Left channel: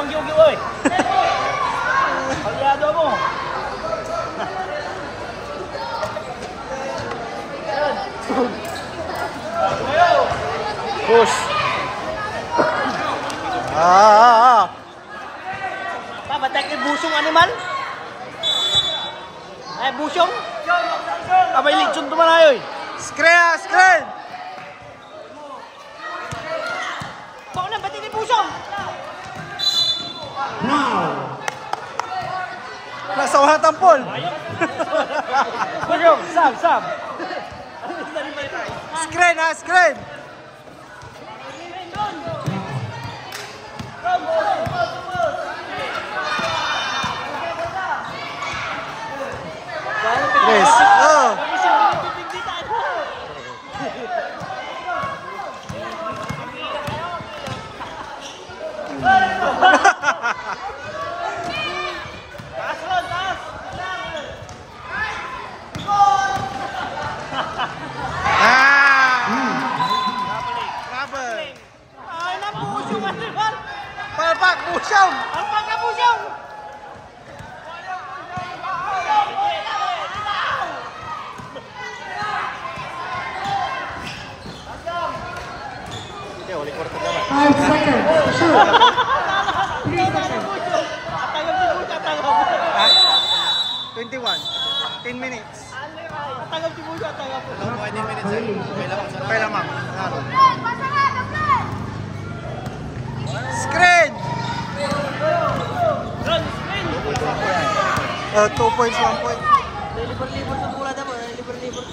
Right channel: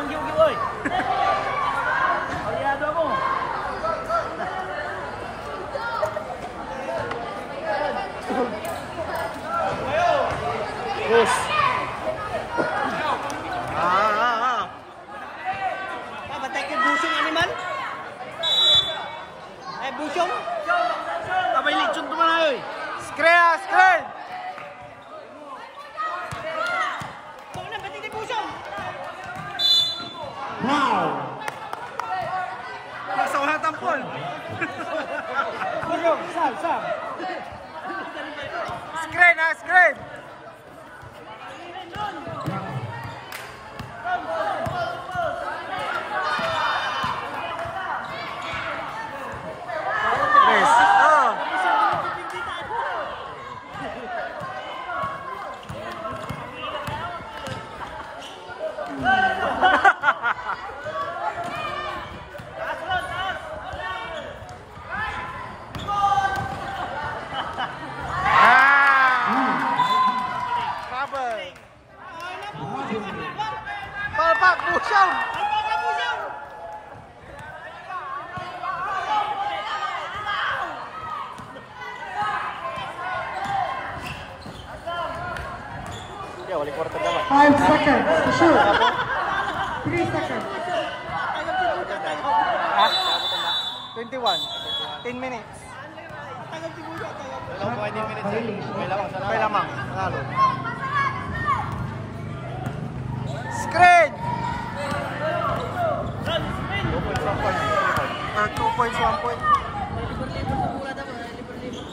manggi-ugi, oy. Palyado mo. Push. Batak ni busong ano man? Ay, busong? Abay, lechon to man ayoy. Screen, screen! Bako na, ba't ni busong? Nasa ulang tampol. Busong, Sam. Screen, screen! Chris, oh! Trouble. Ay, napusong ano man? Palpak, busong! Palpak na busong! Five seconds. Shoot. 3 seconds. 21. 10 minutes. Tagaw si Buso, tagaw. Pay lamang. Nanalo. Screen! 2 points, 1 point. Libur-libur sa bola dapat, libur-libur.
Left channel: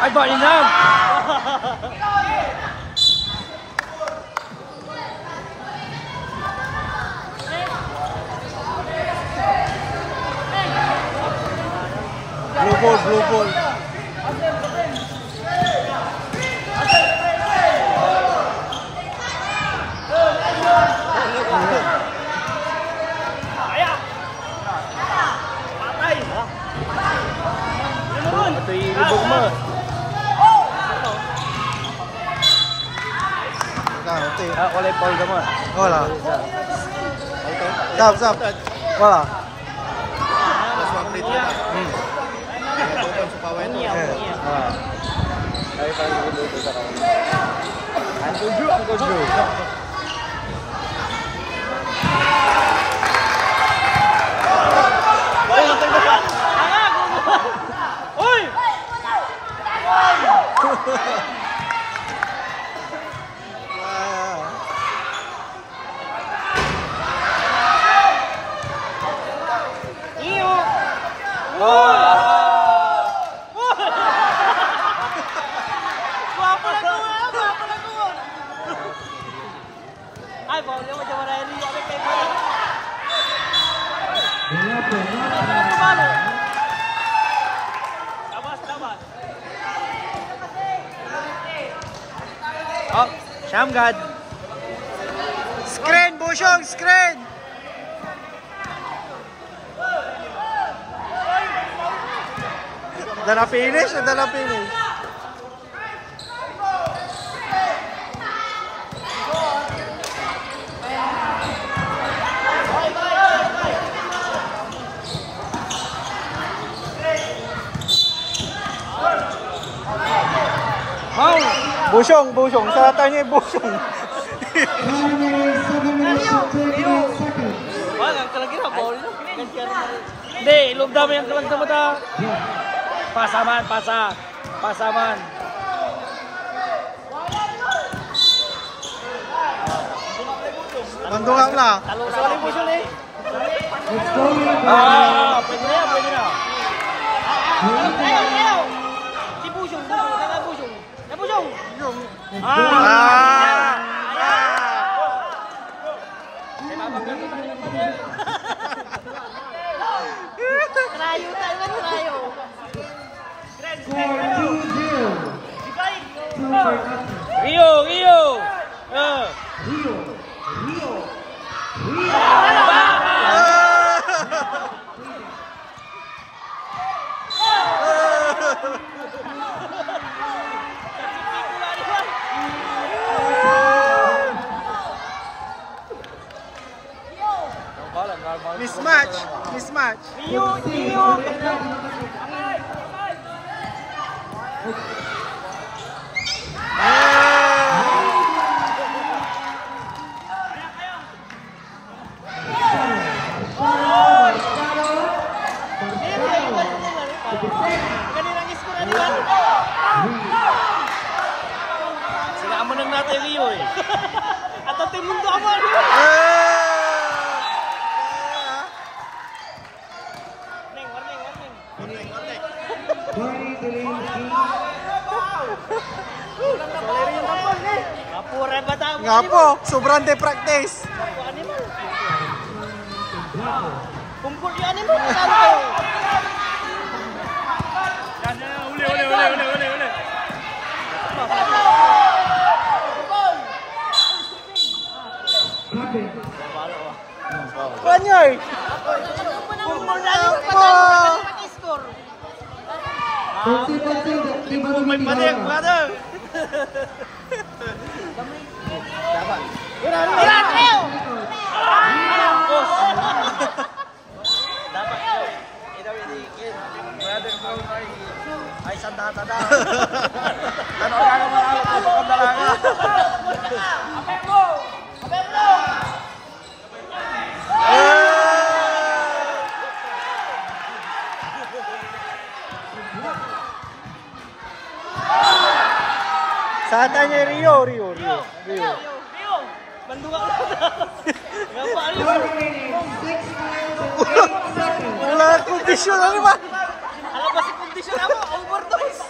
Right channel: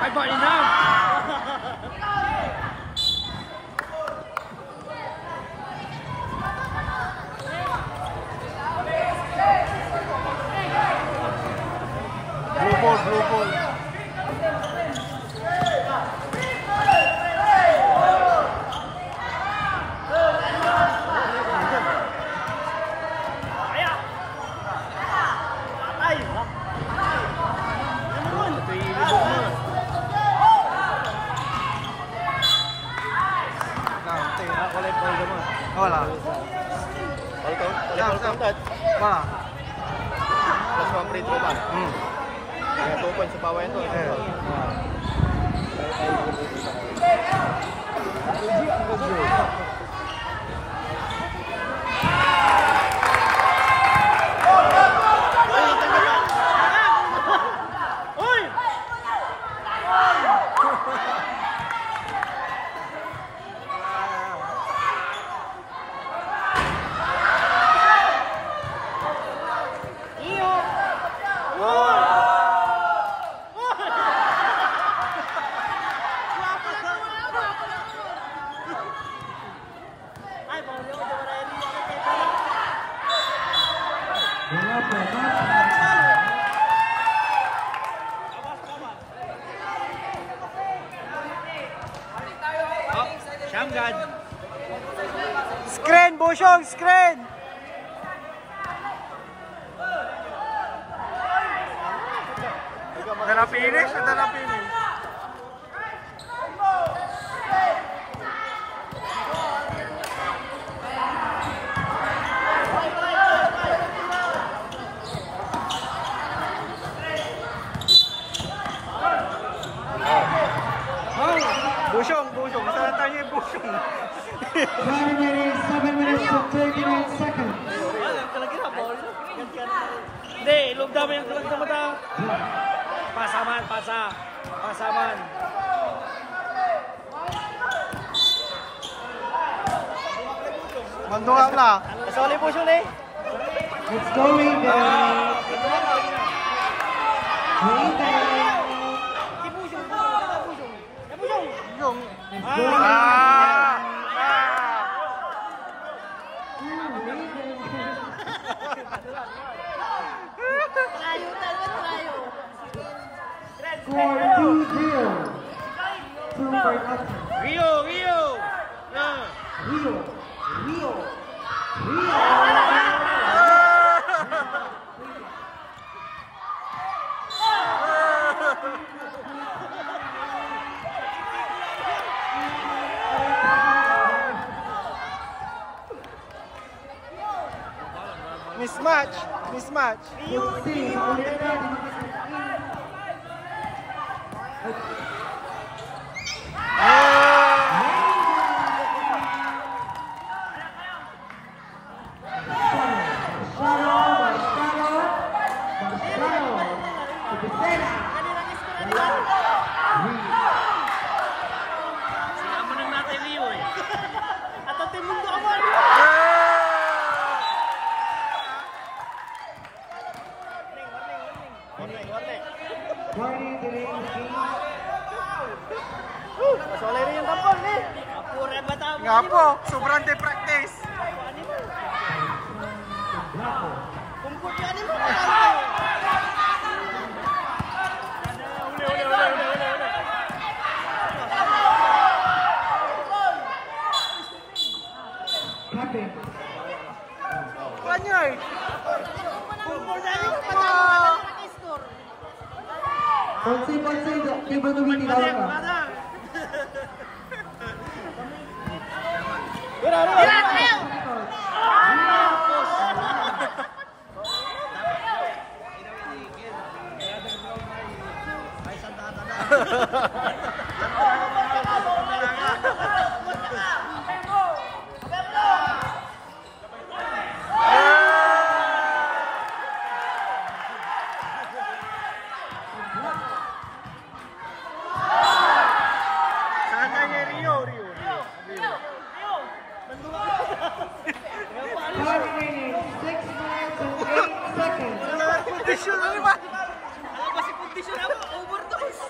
Ay, ba din yan? Blue ball, blue ball. Wala yung ball naman. Wala. Sap. Wala. Oh, Shamgad. Screen, Busyong, screen! Dala finish o dala finish? Busyong, sa tanya Busyong. 1 minute, 7 minutes, 39 seconds. Hindi, ilog dami ang kalag sa mata. Pasaman. Mandungam lah. Talo sa ni Busyong ni. It's going Ah, pwede na. Si Busyong. Yung. Trayo. 4-2-0. Rio. Mismatch. Mismatch. Rio, Rio. Sinama lang natin Rio eh. At ang mundo ako. Nga po, sobrang de-practice. Uli. Kanyoy! Ay, sanda-tanda. Sa tanya Rio. Wala kondisyon na naman. Alam ba si kondisyon ako? Overdose.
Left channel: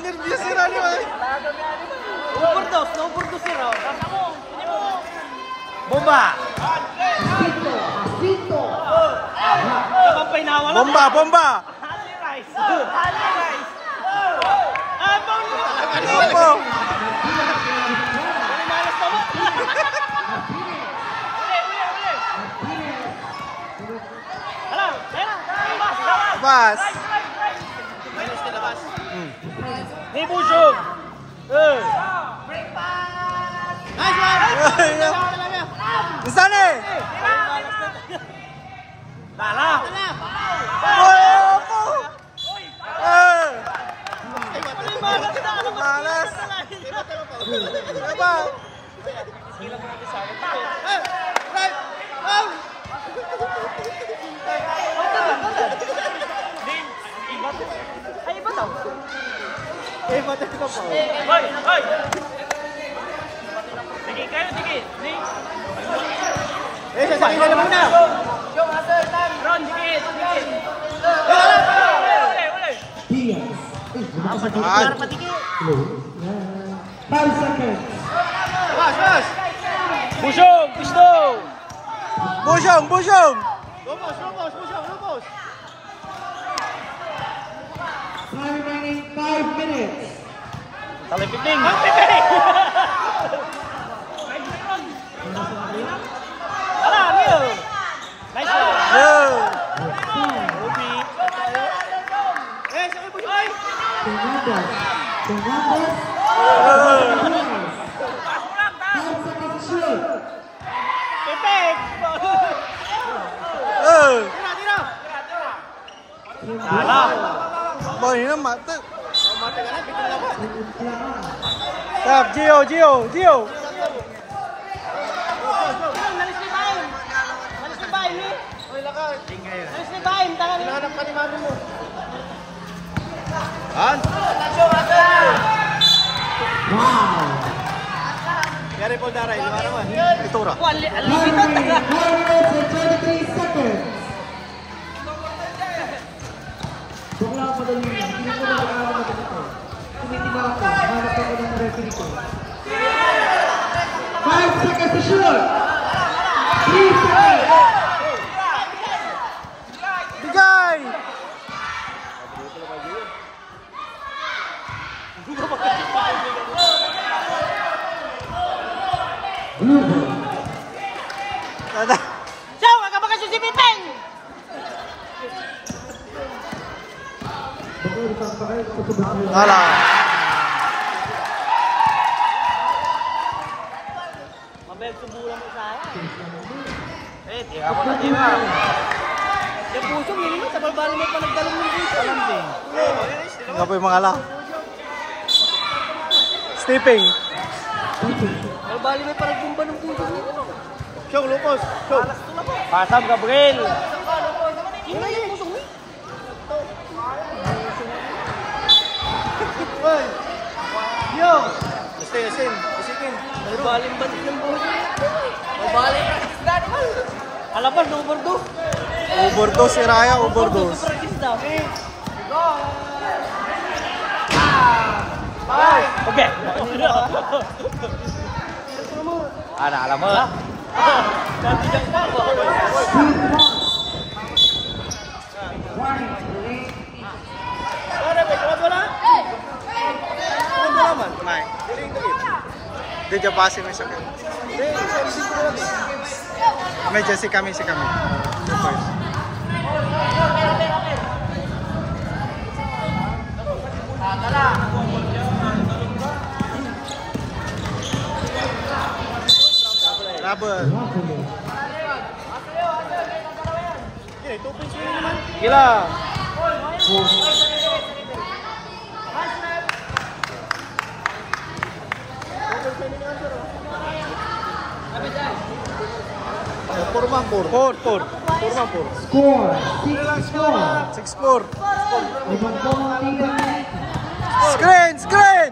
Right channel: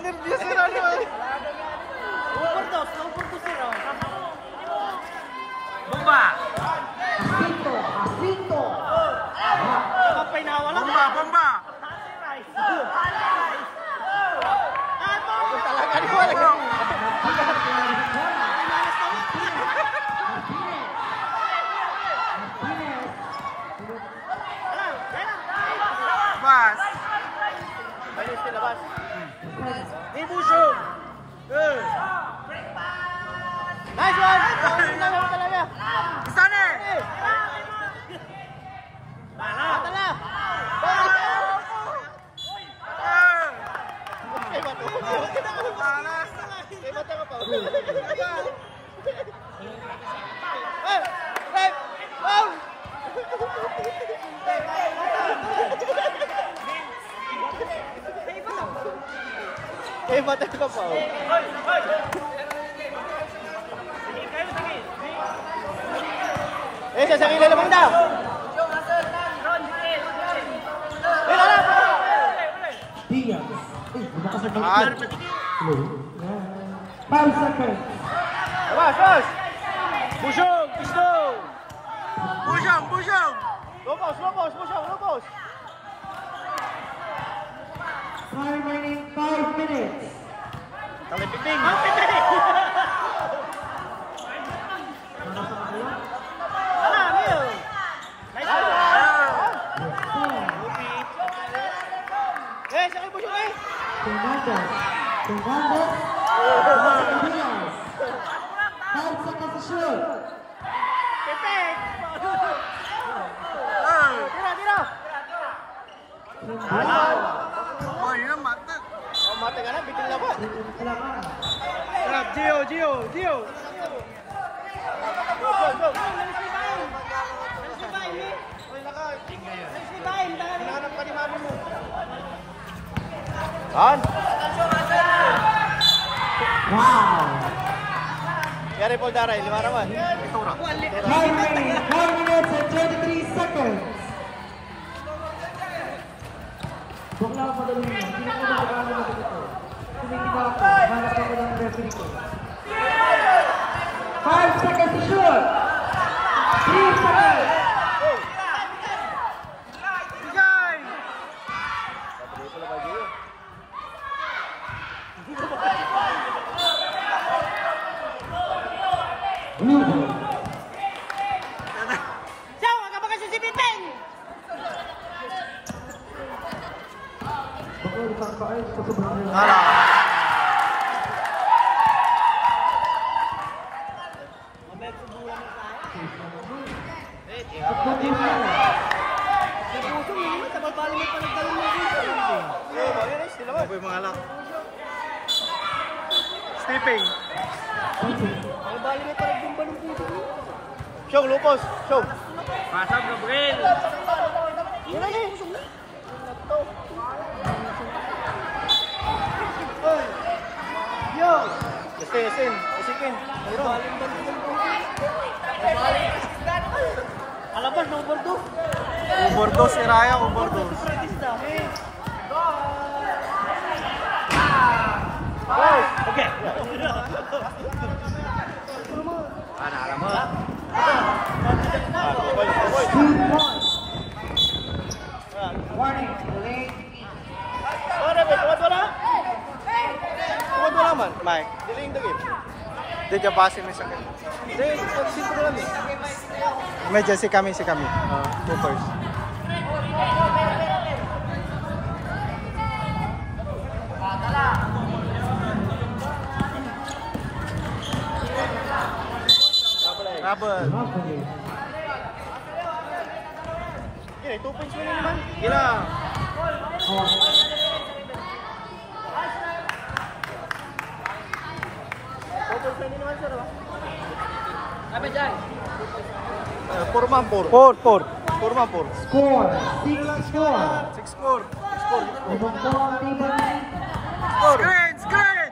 Nervyos na naman. Overdose yun. Bomba! Bomba! Opo! Labas! Di Busyo! Saan eh? Tala! Opo! Malas! Diba? Hoy! Sige, kayo, sige! Sige na naman na! Ron, sige! Saan? 5 seconds. Busyong! Pistong! Busyong! Remaining 5 minutes. Palipiting! Ala, Rio! Nice one! Yeah. Upi! Pitik! Tala! Boy, ini mati. Stop, Gio. Ito ra. Remaining 4 minutes and 23 seconds. Five seconds to shoot. 3 seconds. Bigay! Tada. Siyaw! Aga ba kasi si Piting? Alah. Ito po yung mga ala. Stepping. Siyong lupos. Siyong. Pasang Gabriel. Yo! Isin. Isikin. Alapan, number 2. Overdose si Raya, overdose. Oke. Alam mo lah. Mike. Dia jauh passing ni sakit. Meja si kami. Super. Rubber. Gila. Four. Score 6-4. 6-4. Limang bola tinggal. Screen.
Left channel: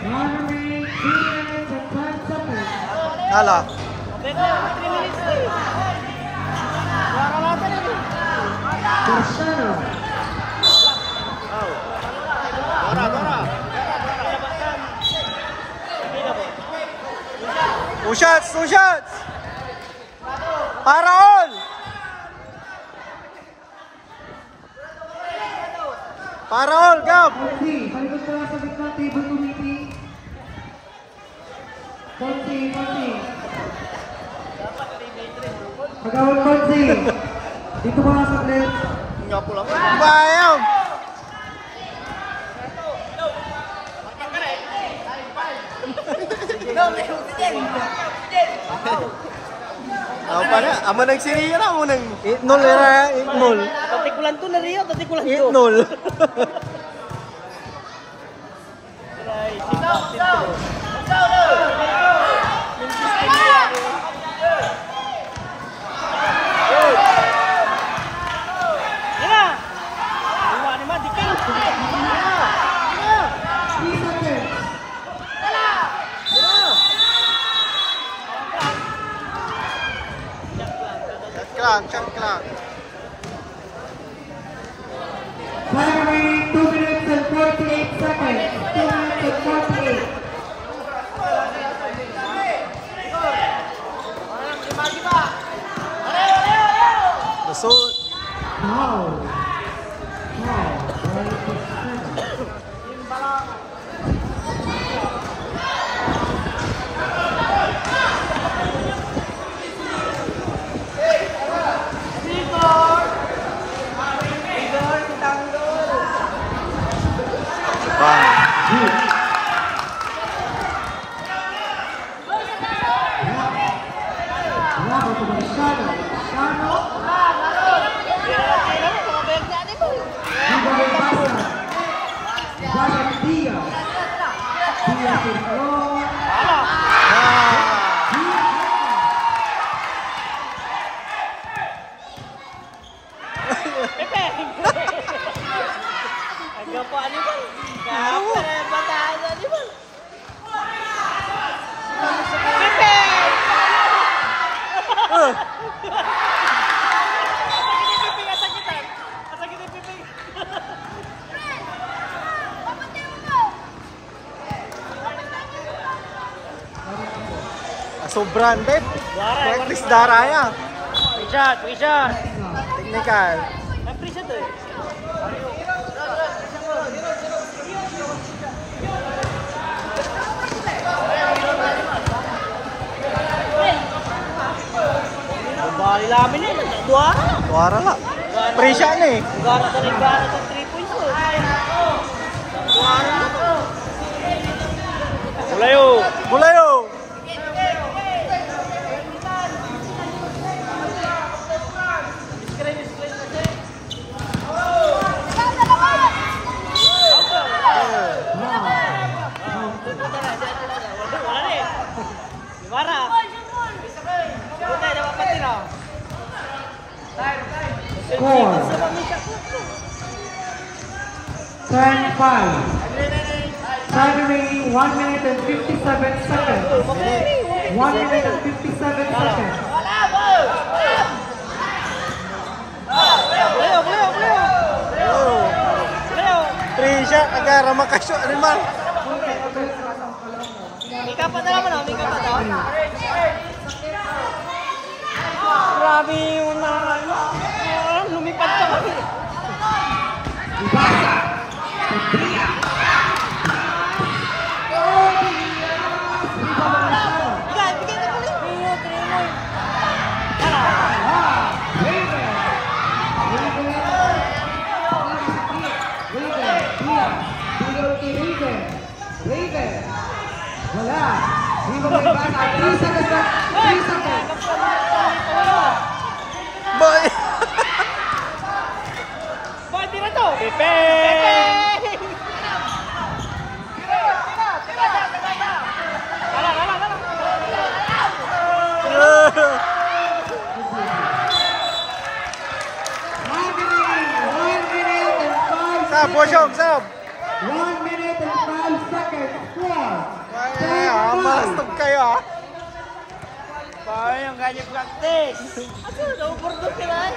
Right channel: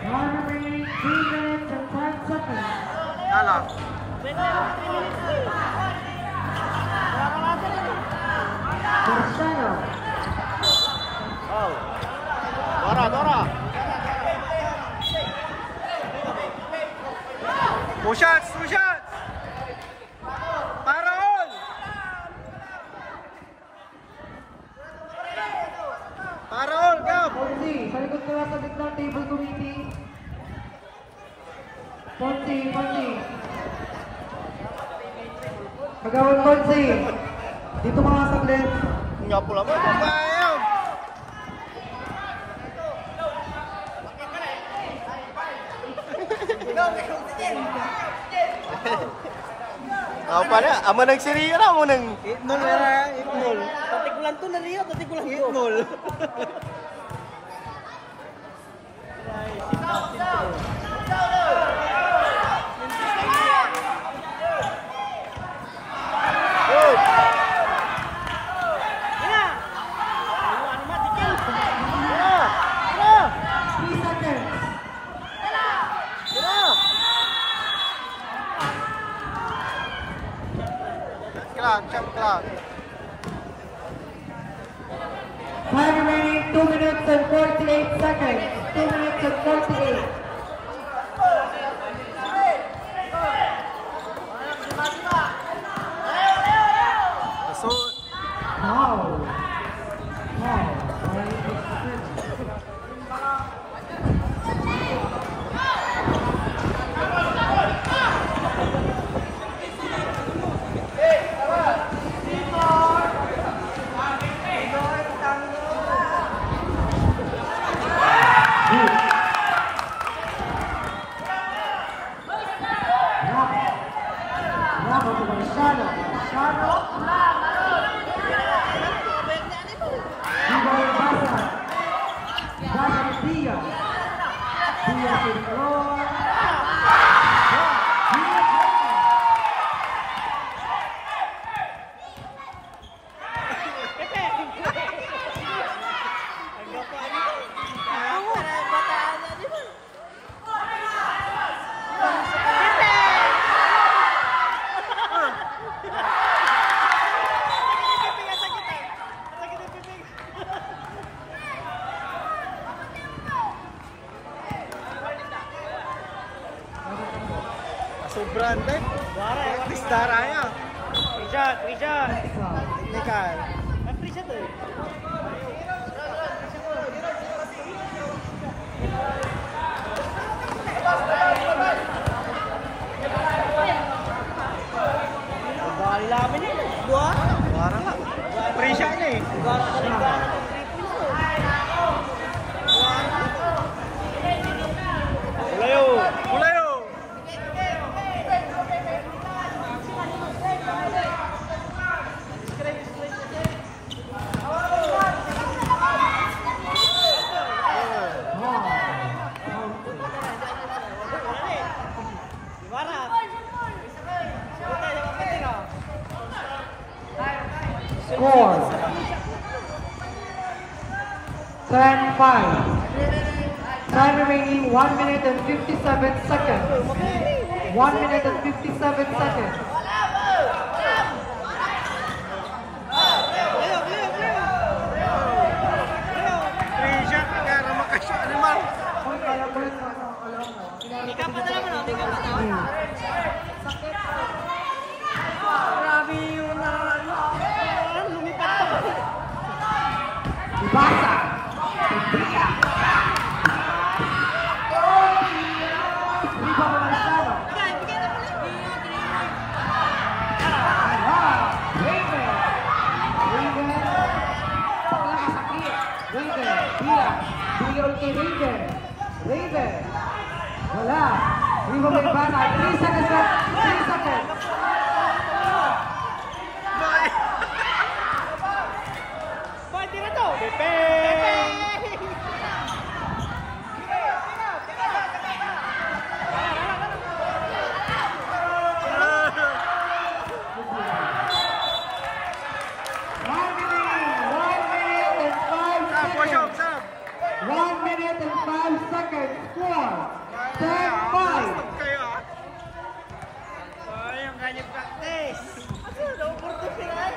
One remaining 3 minutes and 10 seconds. Nala. Cristiano. Two shots. Para all. Gab. Ponzi, balik ka sa gitna table committee. Ponzi. Nagawal Ponzi. Dito mga saglit. Bayaw. Apa na? Ama nagsirira mo nang. 8-0 era, 8-0. Tatikulan to na Rio, tatikulan to. 8-0. Shot clock. 5 remaining 2 minutes and 48 seconds. 2 minutes and 48. The suit. Wow. Sobrang deh. Practice daraya. Bisa. Technical. Bali lamin eh, dua. Suara lah. Presya nih. Gara dari gara 3 points tuh. Mulai yuk. and 57 seconds. Free shot agar makasuk animal. Mika pa na naman, mika pa to. Grabe yung lumipad to. Raven. Wala. Raven may basa. 3 seconds na. 3 seconds. Boy. Boy, tira to. Pepe! Sab, bosok, sab. 1 minute and 5 seconds. Score. Wah, masuk kayo ah. Bawa yung galing practice. Lumur to sila.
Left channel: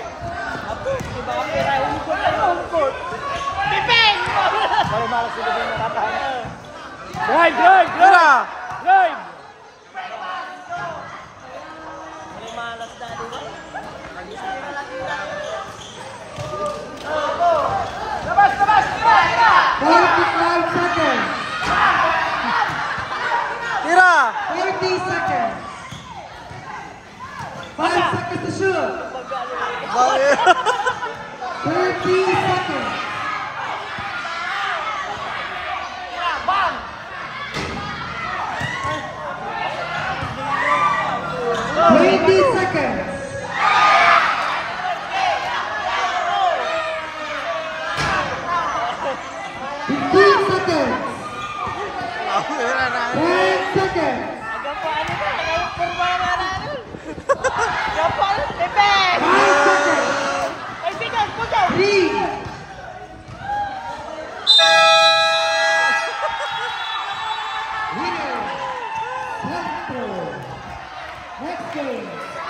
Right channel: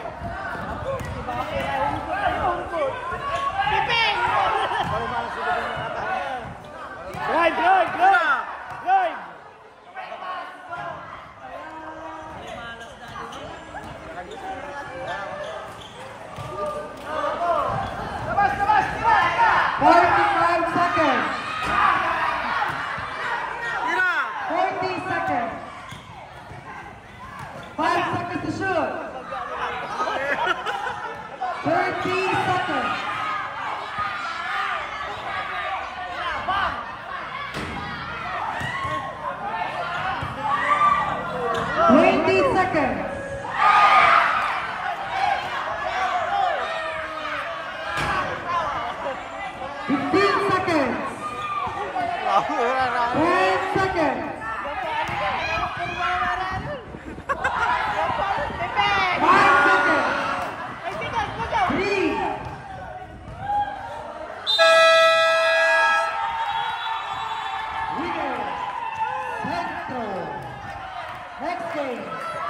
Pipeng! Drive, drive, Tira. drive! Tira. 40 seconds. 5 seconds to shoot. Boy. 30 seconds. Seconds. 15 seconds. 10 seconds. Next game.